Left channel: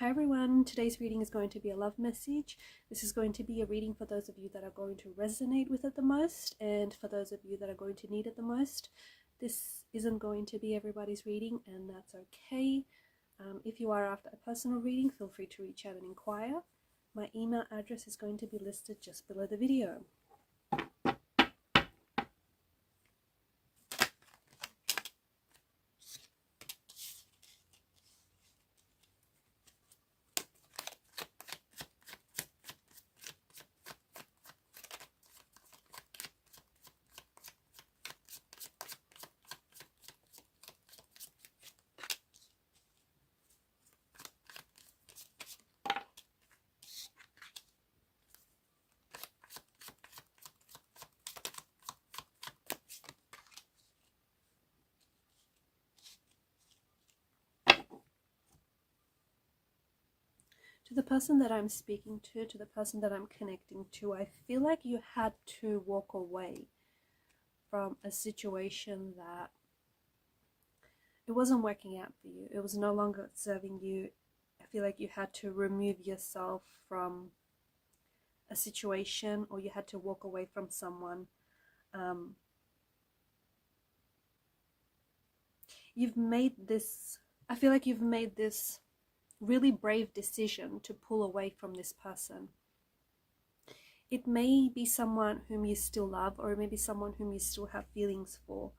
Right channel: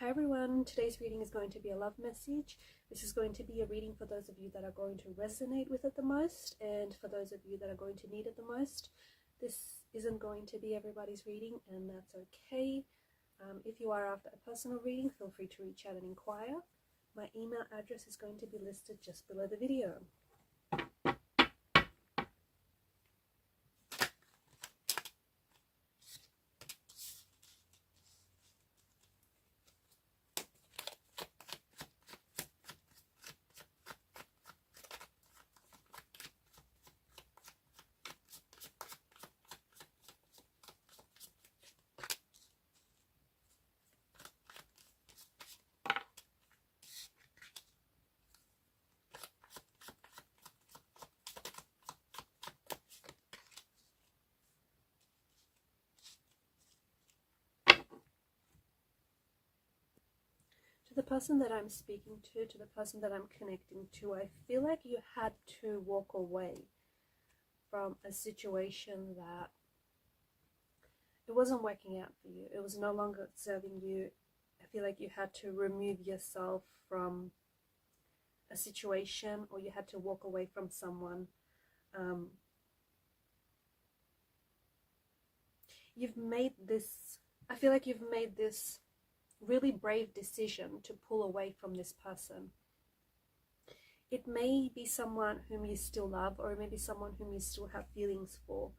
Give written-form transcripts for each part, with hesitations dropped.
Hi everyone, today's reading is going to be a love message. This is going to be a reading for those of you that are going to resonate with it the most, and for those of you that are going to need it the most. This isn't going to be everybody's reading, and that's okay. If you are after a personal reading, feel free to reach out and inquire. My email address is going to be listed just below the video. To the person that I'm speaking to the person that I'm connecting to, I feel like you had to walk away from a situation that it wasn't working out for you. It was no longer serving you. I feel like you had to remove yourself from a situation, or you had to walk away from someone. You've made this, I feel like you've made this really brave decision to pull away from this person. It may be someone whom you still love, or it may be someone whom you still have feelings for,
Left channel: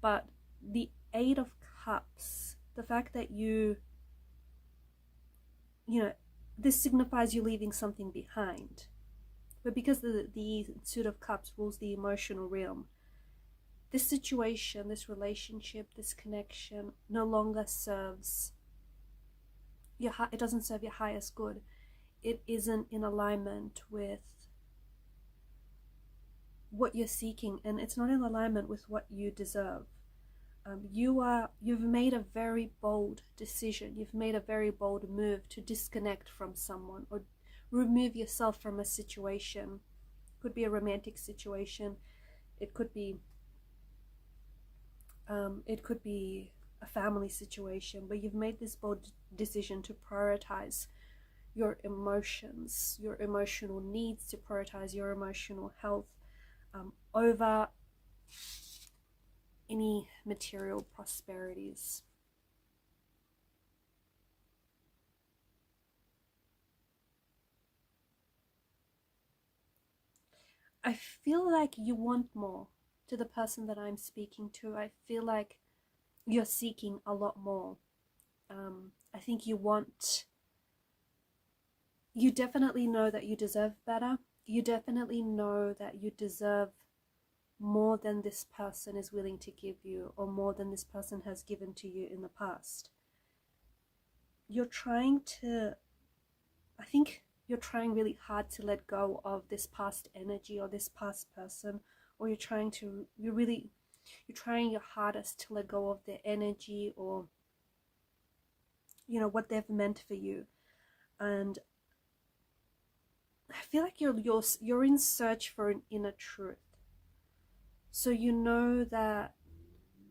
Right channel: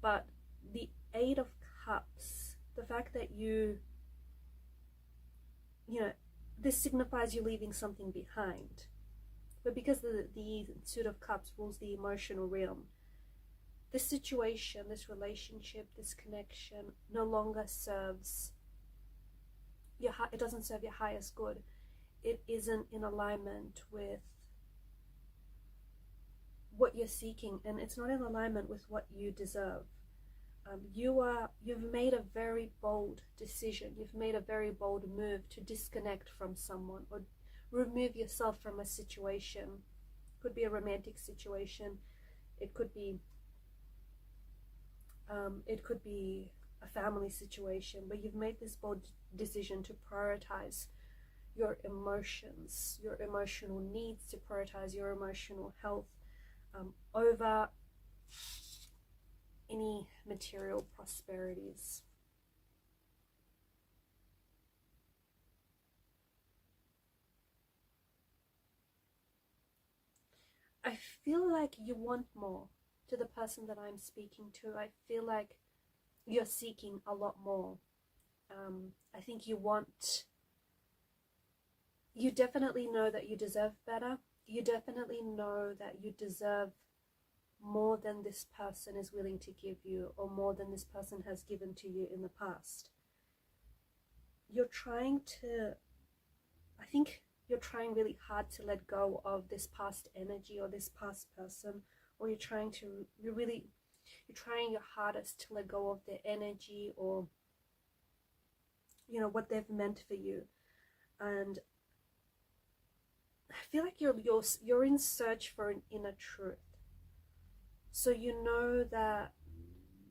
but the Eight of Cups, the fact that you know, this signifies you leaving something behind. But because the Suit of Cups rules the emotional realm, this situation, this relationship, this connection no longer serves your, it doesn't serve your highest good. It isn't in alignment with what you're seeking, and it's not in alignment with what you deserve. You've made a very bold decision. You've made a very bold move to disconnect from someone or remove yourself from a situation. It could be a romantic situation. It could be a family situation, but you've made this bold decision to prioritize your emotions, your emotional needs, to prioritize your emotional health over any material prosperities. I feel like you want more. To the person that I'm speaking to, I feel like you're seeking a lot more. I think you definitely know that you deserve better. You definitely know that you deserve more than this person is willing to give you, or more than this person has given to you in the past. You're trying to, I think you're trying really hard to let go of this past energy or this past person, or you're trying your hardest to let go of their energy, or what they've meant for you. And I feel like you're in search for an inner truth. So you know that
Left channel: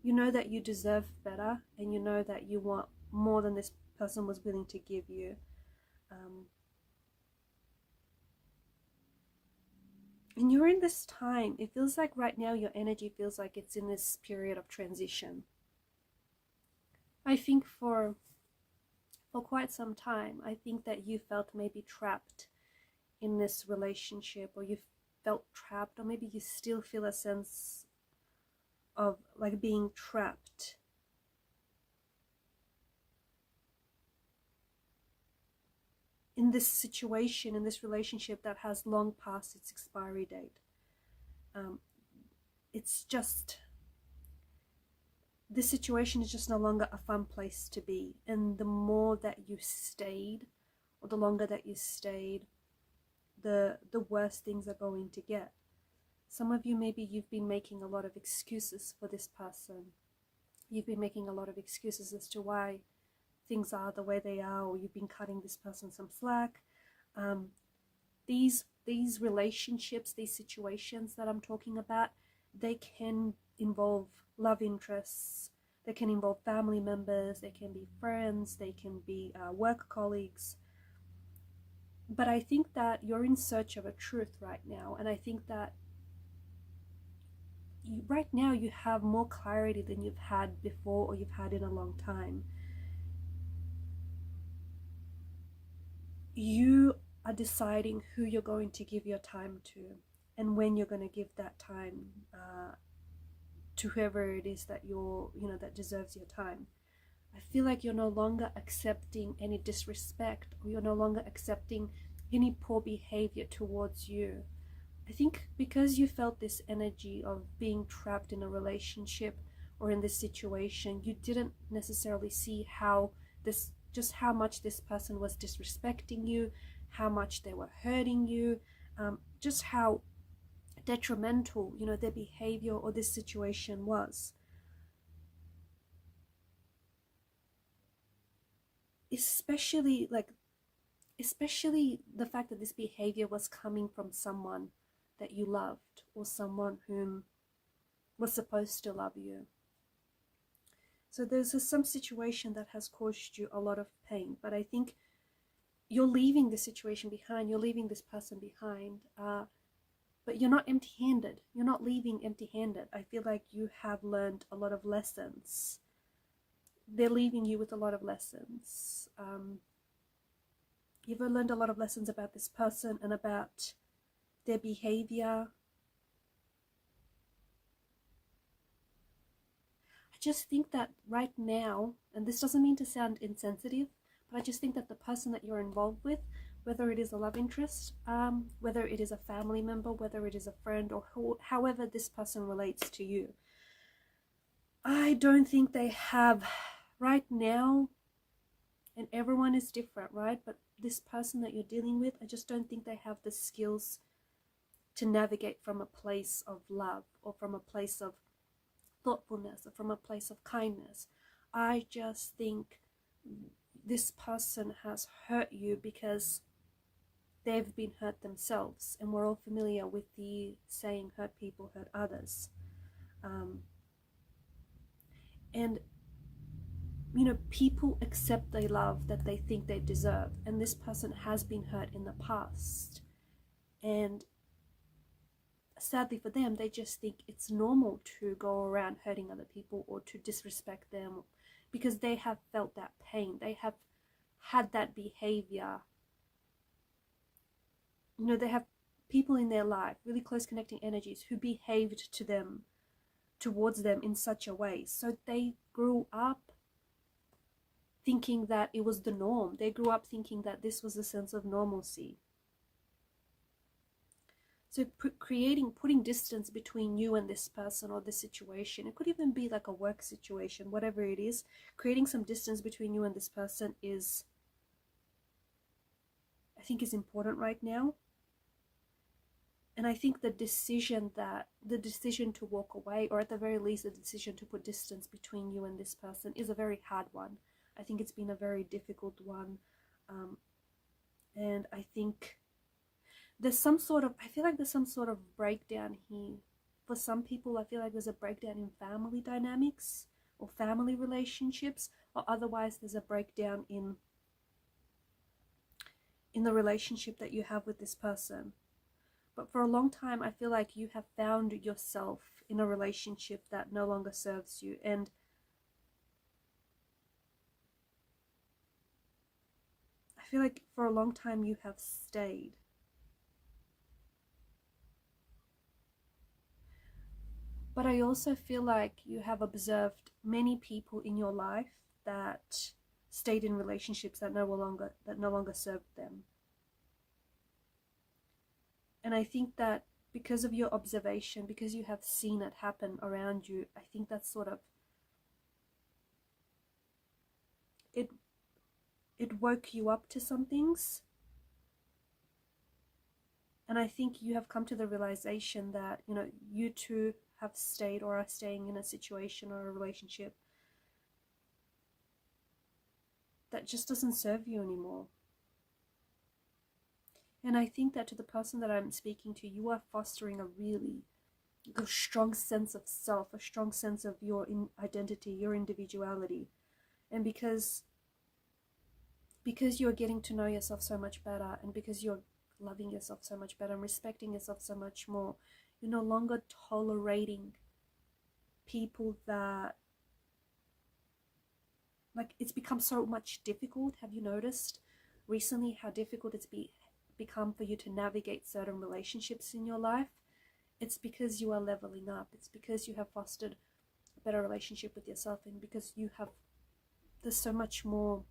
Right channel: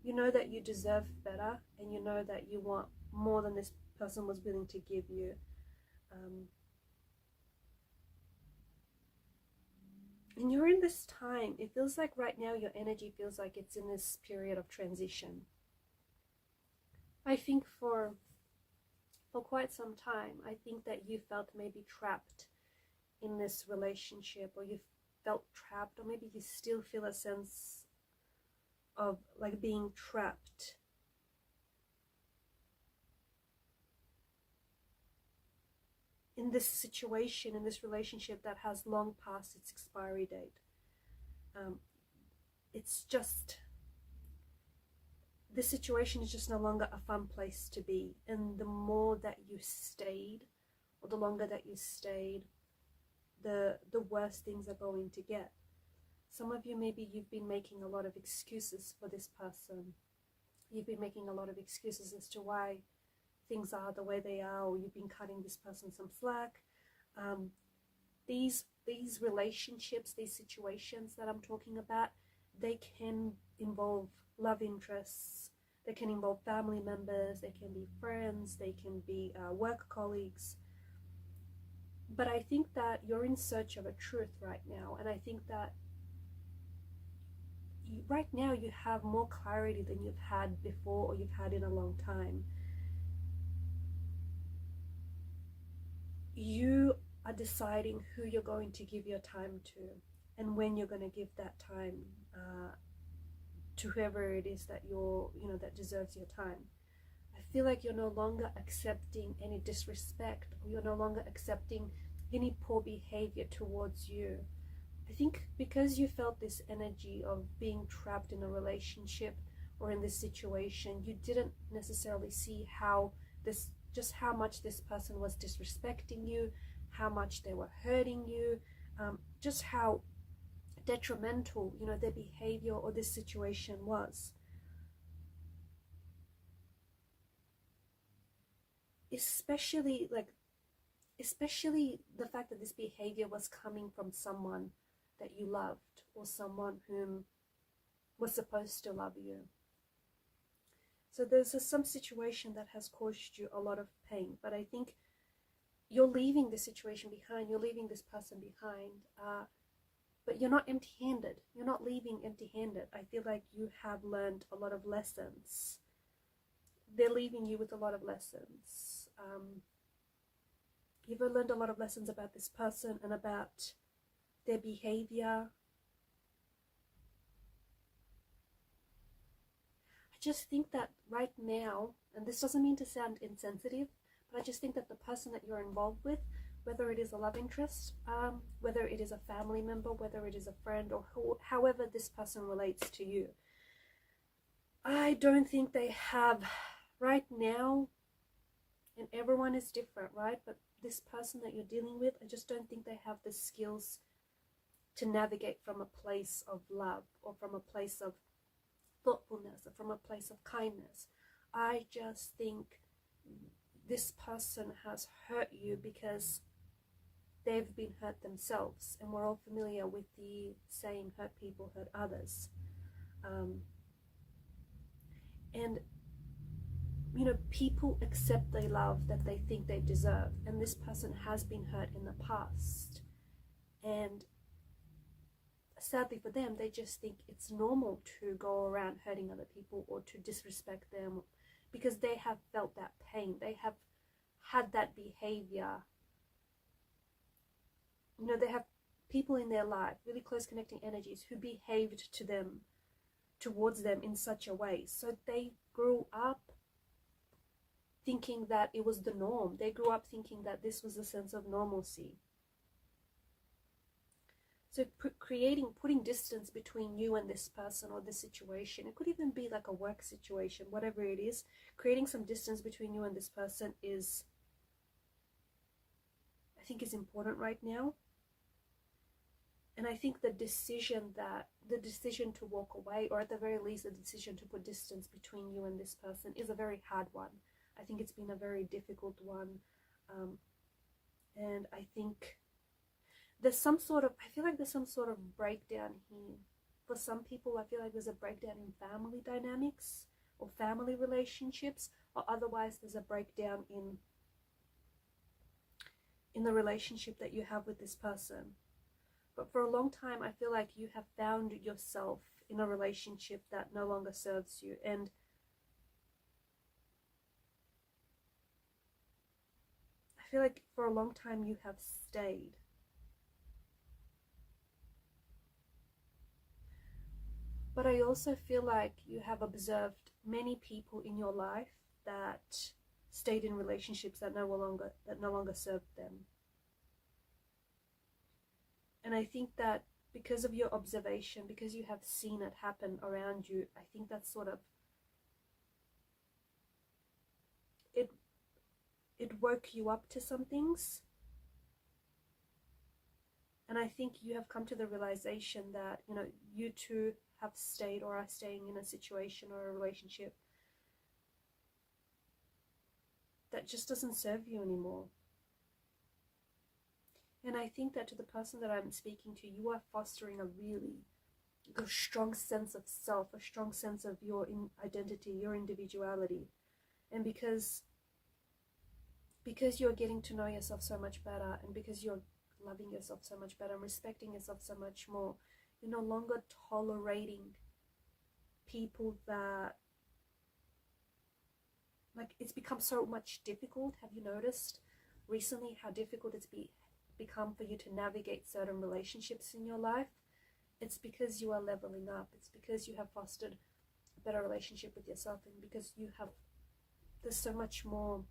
you deserve better, and you know that you want more than this person was willing to give you. And you're in this time, it feels like right now your energy feels like it's in this period of transition. I think for quite some time, I think that you felt maybe trapped in this relationship, or you felt trapped, or maybe you still feel a sense of like being trapped. In this situation, in this relationship that has long past its expiry date. It's just, this situation is just no longer a fun place to be. And the more that you stayed, or the longer that you stayed, the worse things are going to get. Some of you, maybe you've been making a lot of excuses for this person. You've been making a lot of excuses as to why things are the way they are, or you've been cutting this person some slack. These relationships, these situations that I'm talking about, they can involve love interests, They can involve family members, they can be friends, they can be work colleagues. But I think that you're in search of a truth right now, and I think that right now you have more clarity than you've had before, or you've had in a long time. You are deciding who you're going to give your time to, and when you're going to give that time to whoever it is that that deserves your time. I feel like you're no longer accepting any disrespect, or you're no longer accepting any poor behavior towards you. I think because you felt this energy of being trapped in a relationship or in this situation, you didn't necessarily see just how much this person was disrespecting you, how much they were hurting you, just how detrimental, their behavior or this situation was. Especially the fact that this behavior was coming from someone that you loved, or someone whom was supposed to love you. So there's some situation that has caused you a lot of pain, but I think you're leaving the situation behind, you're leaving this person behind, but you're not empty-handed. You're not leaving empty-handed. I feel like you have learned a lot of lessons. They're leaving you with a lot of lessons. You've learned a lot of lessons about this person and about their behavior. I just think that right now, and this doesn't mean to sound insensitive, but I just think that the person that you're involved with, whether it is a love interest, whether it is a family member, whether it is a friend, or however this person relates to you, I don't think they have right now, and everyone is different, right? But this person that you're dealing with, I just don't think they have the skills to navigate from a place of love, or from a place of thoughtfulness, or from a place of kindness. I just think this person has hurt you because they've been hurt themselves, and we're all familiar with the saying, hurt people hurt others. And people accept the love that they think they deserve, and this person has been hurt in the past, and sadly for them, they just think it's normal to go around hurting other people or to disrespect them, because they have felt that pain, they have had that behavior. They have people in their life, really close connecting energies, who behaved towards them in such a way. So they grew up thinking that it was the norm. They grew up thinking that this was a sense of normalcy. So putting distance between you and this person or this situation, it could even be like a work situation, whatever it is, creating some distance between you and this person is, I think, is important right now. And I think the decision to walk away, or at the very least the decision to put distance between you and this person, is a very hard one. I think it's been a very difficult one. And I think I feel like there's some sort of breakdown here. For some people, I feel like there's a breakdown in family dynamics or family relationships, or otherwise there's a breakdown in the relationship that you have with this person. But for a long time, I feel like you have found yourself in a relationship that no longer serves you. And I feel like for a long time you have stayed. But I also feel like you have observed many people in your life that stayed in relationships that no longer served them. And I think that because of your observation, because you have seen it happen around you, I think that's sort of, it woke you up to some things. And I think you have come to the realization that, you too have stayed or are staying in a situation or a relationship that just doesn't serve you anymore. And I think that to the person that I'm speaking to, you are fostering a really, a strong sense of self, a strong sense of your identity, your individuality. And because you're getting to know yourself so much better, and because you're loving yourself so much better and respecting yourself so much more, you're no longer tolerating people that, like, it's become so much difficult. Have you noticed recently how difficult it's become for you to navigate certain relationships in your life? It's because you are leveling up. It's because you have fostered a better relationship with yourself, and because there's so much more,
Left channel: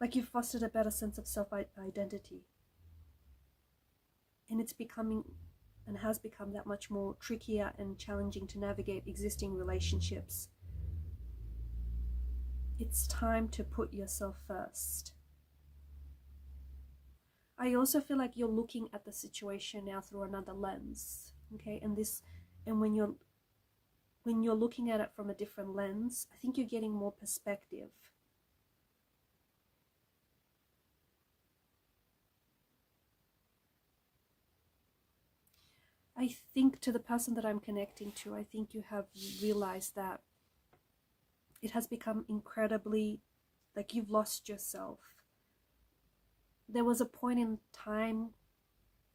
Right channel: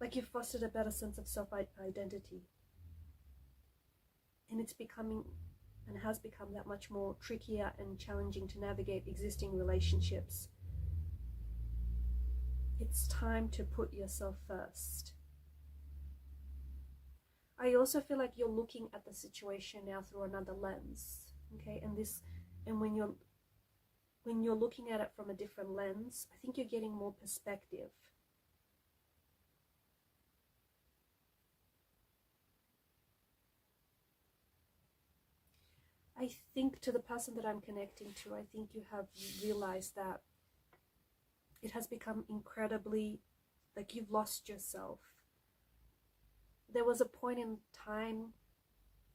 like, you've fostered a better sense of self-identity. And it's becoming, and has become, that much more trickier and challenging to navigate existing relationships. It's time to put yourself first. I also feel like you're looking at the situation now through another lens, okay? And when you're looking at it from a different lens, I think you're getting more perspective. I think, to the person that I'm connecting to, I think you have realized that it has become incredibly, like, you've lost yourself. There was a point in time,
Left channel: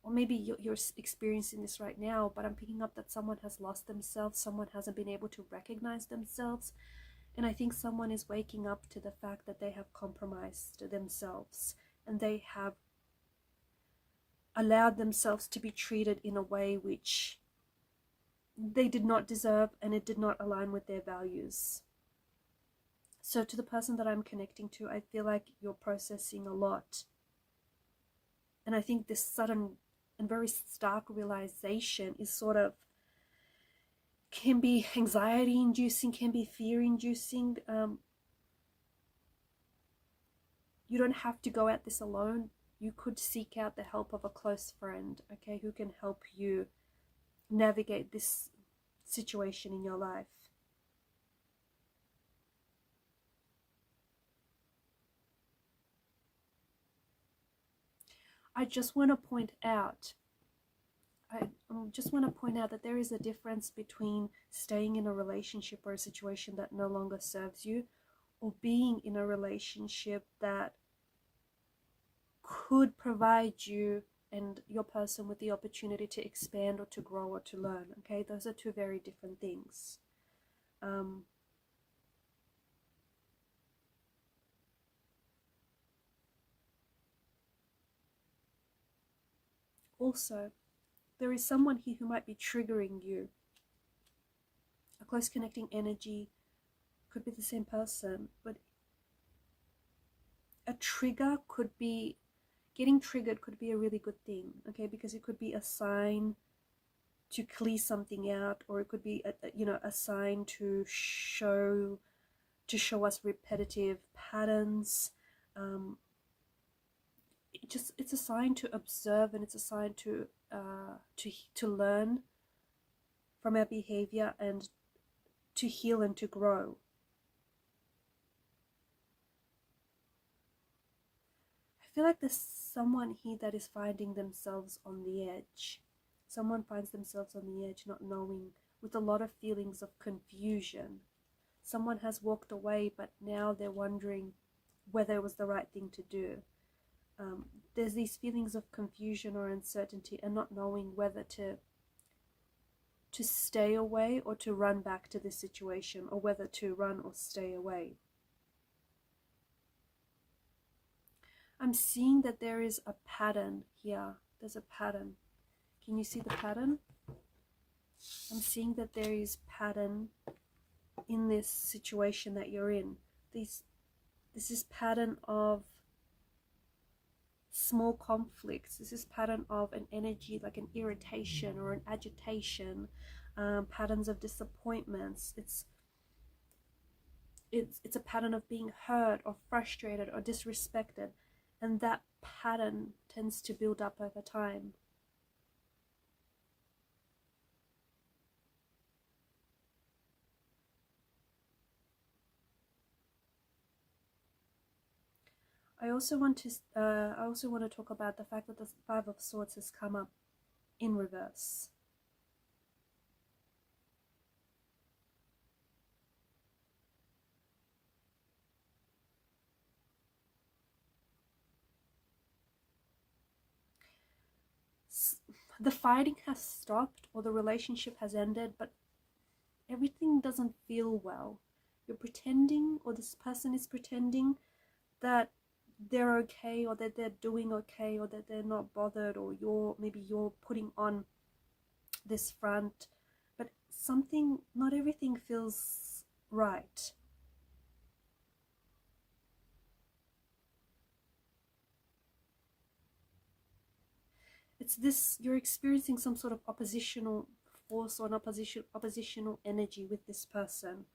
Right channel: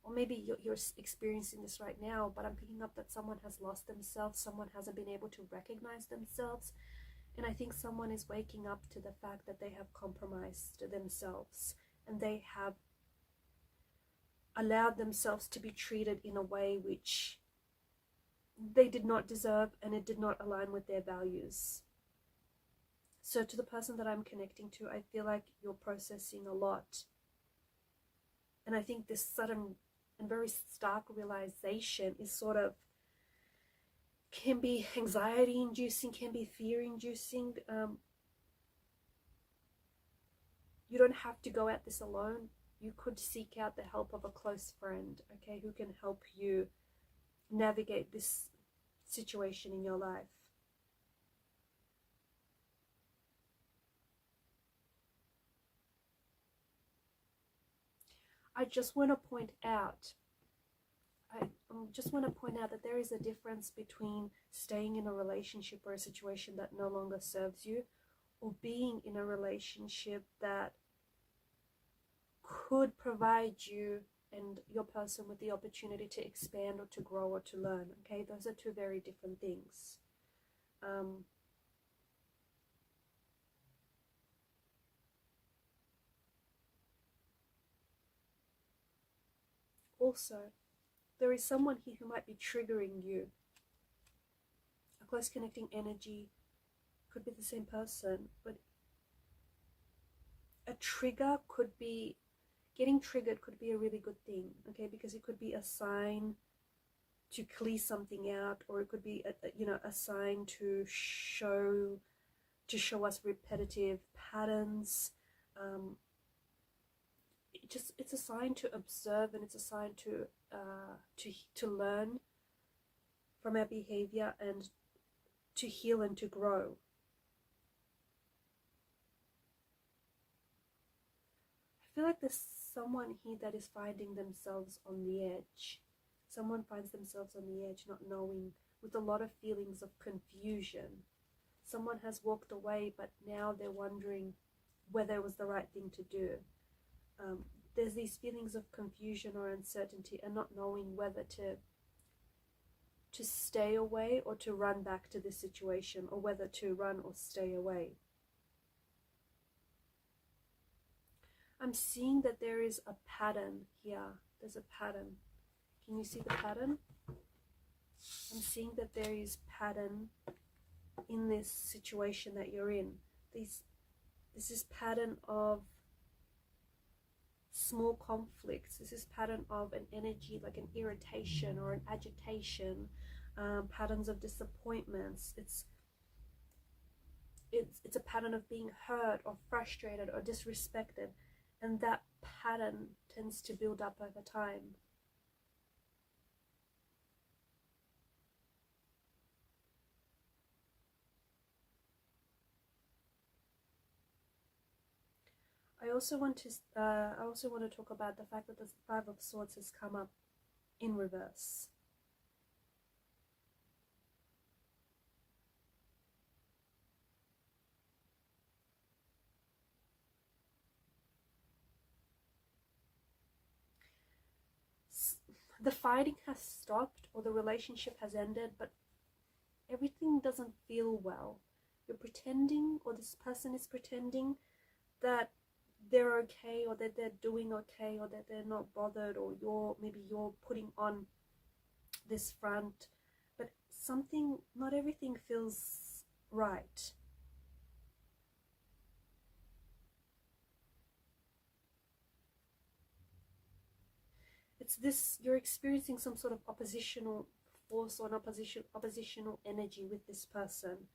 or maybe you're experiencing this right now, but I'm picking up that someone has lost themselves, someone hasn't been able to recognize themselves, and I think someone is waking up to the fact that they have compromised themselves, and they have allowed themselves to be treated in a way which they did not deserve, and it did not align with their values. So to the person that I'm connecting to, I feel like you're processing a lot. And I think this sudden and very stark realization is sort of, can be anxiety inducing, can be fear inducing. You don't have to go at this alone. You could seek out the help of a close friend, okay, who can help you navigate this situation in your life. I just want to point out, that there is a difference between staying in a relationship or a situation that no longer serves you, or being in a relationship that could provide you and your person with the opportunity to expand or to grow or to learn. Okay, those are two very different things. Also, there is someone here who might be triggering you. A close connecting energy could be the same person, but a trigger could be, getting triggered could be a really good thing, okay, because it could be a sign to clear something out, or it could be a sign to show us repetitive patterns. It's a sign to observe, and it's a sign to learn from our behavior and to heal and to grow. I feel like there's someone here that is finding themselves on the edge. Someone finds themselves on the edge, not knowing, with a lot of feelings of confusion. Someone has walked away, but now they're wondering whether it was the right thing to do. There's these feelings of confusion or uncertainty, and not knowing whether to stay away or to run back to this situation, or whether to run or stay away. I'm seeing that there is a pattern here. There's a pattern. Can you see the pattern? I'm seeing that there is pattern in this situation that you're in. This is pattern of small conflicts. This is pattern of an energy, like an irritation or an agitation, patterns of disappointments. It's a pattern of being hurt or frustrated or disrespected, and that pattern tends to build up over time. I also want to talk about the fact that the Five of Swords has come up in reverse. The fighting has stopped, or the relationship has ended, but everything doesn't feel well. You're pretending, or this person is pretending that they're okay, or that they're doing okay, or that they're not bothered, or maybe you're putting on this front, but not everything feels right. It's this, you're experiencing some sort of oppositional force or an oppositional energy with this person.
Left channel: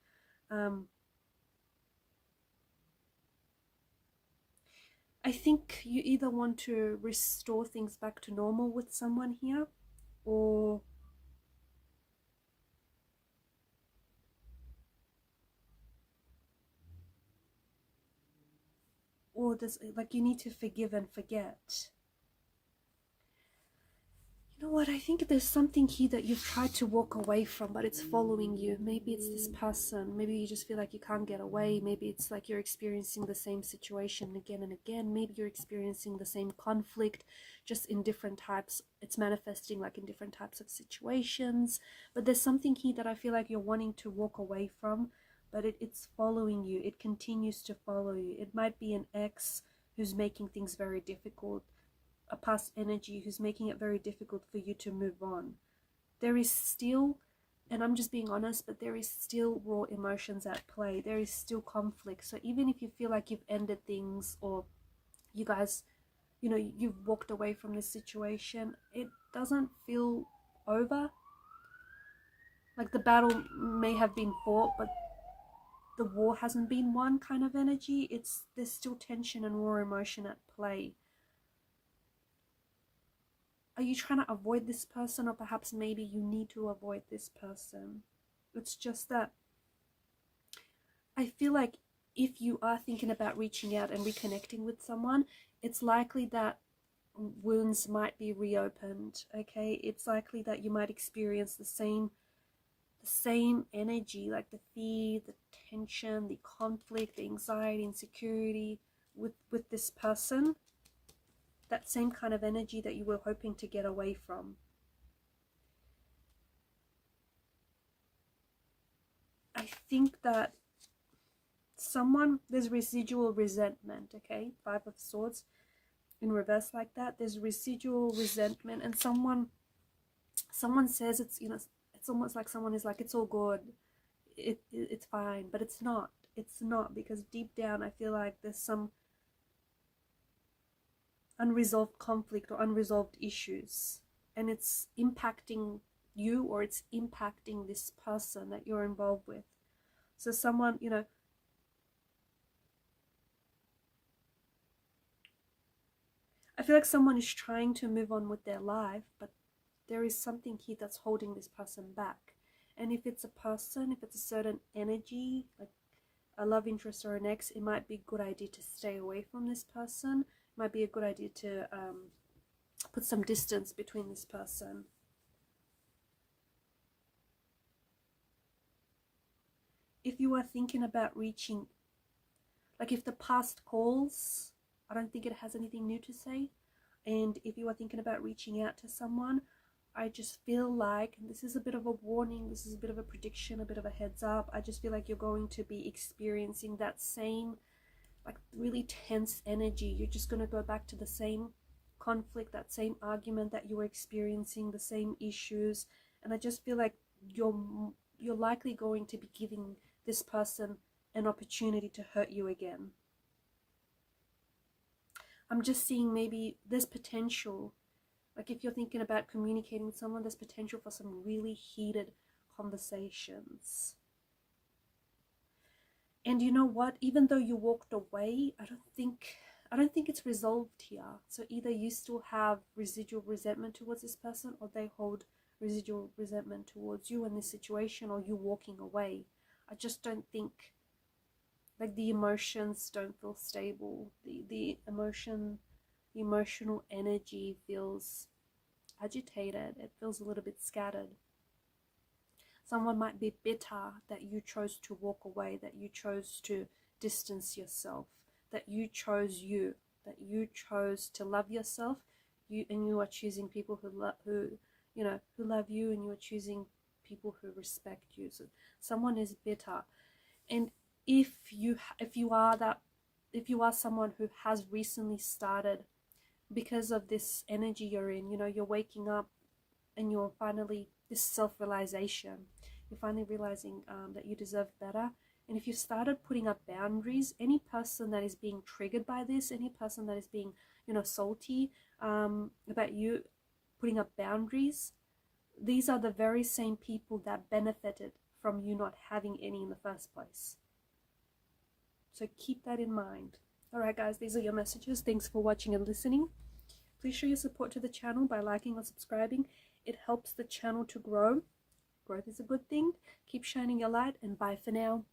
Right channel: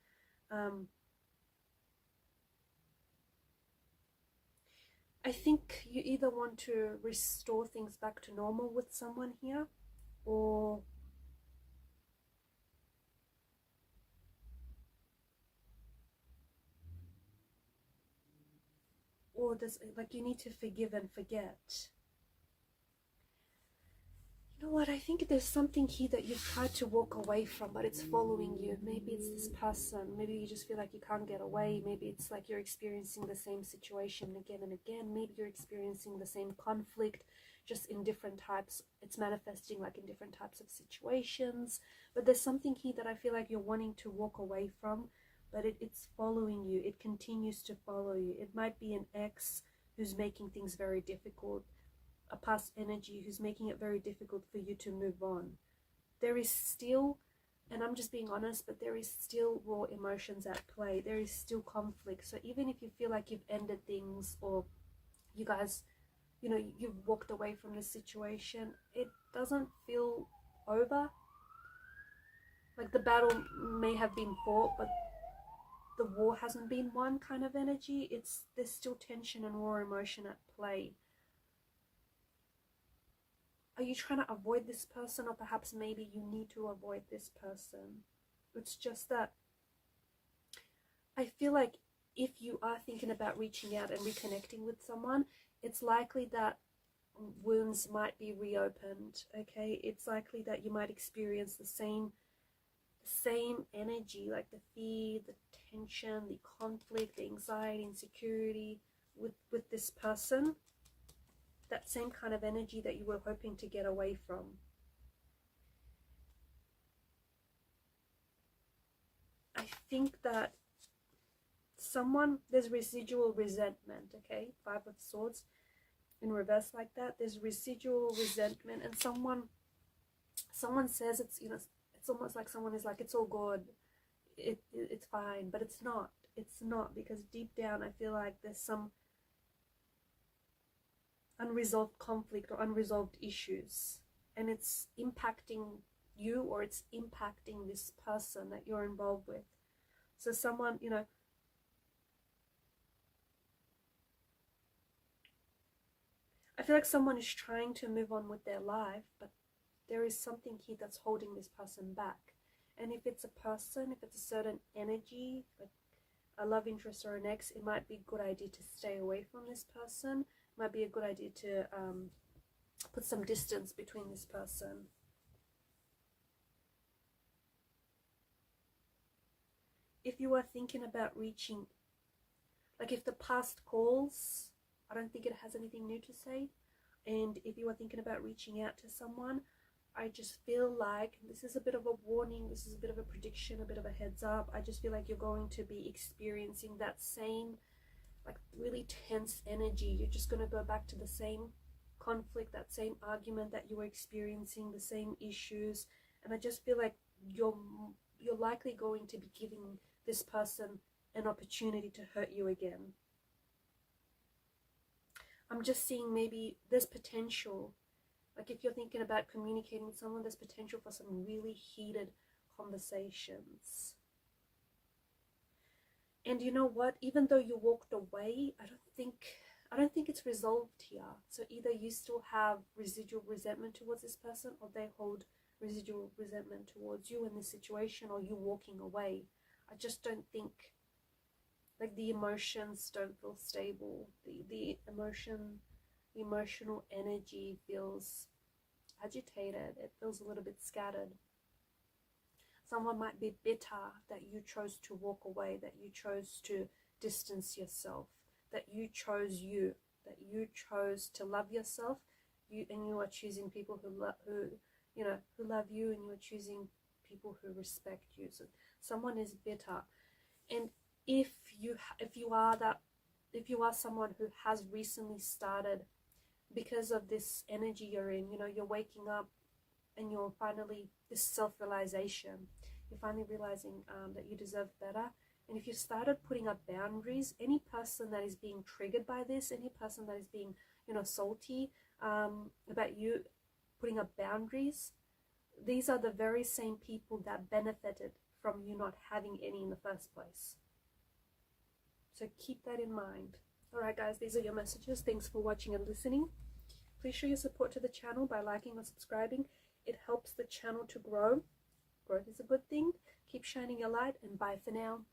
I think you either want to restore things back to normal with someone here, or there's like you need to forgive and forget. You know what, I think there's something here that you've tried to walk away from, but it's following you. Maybe it's this person, maybe you just feel like you can't get away, maybe it's like you're experiencing the same situation again and again, maybe you're experiencing the same conflict, just in different types, it's manifesting like in different types of situations, but there's something here that I feel like you're wanting to walk away from, but it's following you, it continues to follow you. It might be an ex who's making things very difficult, a past energy who's making it very difficult for you to move on. There is still, and I'm just being honest, but there is still raw emotions at play. There is still conflict. So even if you feel like you've ended things, or you guys, you know, you've walked away from this situation, it doesn't feel over. Like the battle may have been fought, but the war hasn't been won kind of energy. There's still tension and raw emotion at play. Are you trying to avoid this person, or perhaps maybe you need to avoid this person? It's just that I feel like if you are thinking about reaching out and reconnecting with someone, it's likely that wounds might be reopened, okay? It's likely that you might experience the same energy, like the fear, the tension, the conflict, the anxiety, insecurity with this person. That same kind of energy that you were hoping to get away from. I think that there's residual resentment, okay? 5 of Swords in reverse like that. There's residual resentment, and someone says it's, you know, it's almost like someone is like, it's all good, it's fine, but it's not. It's not, because deep down I feel like there's some unresolved conflict or unresolved issues, and it's impacting you, or it's impacting this person that you're involved with. So someone, you know, I feel like someone is trying to move on with their life, but there is something here that's holding this person back. And if it's a person, if it's a certain energy, like a love interest or an ex, it might be a good idea to stay away from this person. It might be a good idea to put some distance between this person. If you are thinking about reaching, like if the past calls, I don't think it has anything new to say. And if you are thinking about reaching out to someone, I just feel like, and this is a bit of a warning, this is a bit of a prediction, a bit of a heads up, I just feel like you're going to be experiencing that same, like really tense energy. You're just going to go back to the same conflict, that same argument that you were experiencing, the same issues. And I just feel like you're likely going to be giving this person an opportunity to hurt you again. I'm just seeing maybe there's potential, like if you're thinking about communicating with someone, there's potential for some really heated conversations. And you know what, even though you walked away, I don't think it's resolved here. So either you still have residual resentment towards this person, or they hold residual resentment towards you in this situation, or you walking away. I just don't think, like, the emotions don't feel stable. The emotional energy feels agitated. It feels a little bit scattered. Someone might be bitter that you chose to walk away, that you chose to distance yourself, that you chose to love yourself. You are choosing people who love you, and you are choosing people who respect you. So someone is bitter. And if you are someone who has recently started, because of this energy you're in, you're waking up and you're finally, this self-realization, you're finally realizing that you deserve better. And if you started putting up boundaries, any person that is being triggered by this, any person that is being, salty about you putting up boundaries, these are the very same people that benefited from you not having any in the first place. So keep that in mind. All right, guys, these are your messages. Thanks for watching and listening. Please show your support to the channel by liking or subscribing. It helps the channel to grow. Growth is a good thing. Keep shining your light, and bye for now.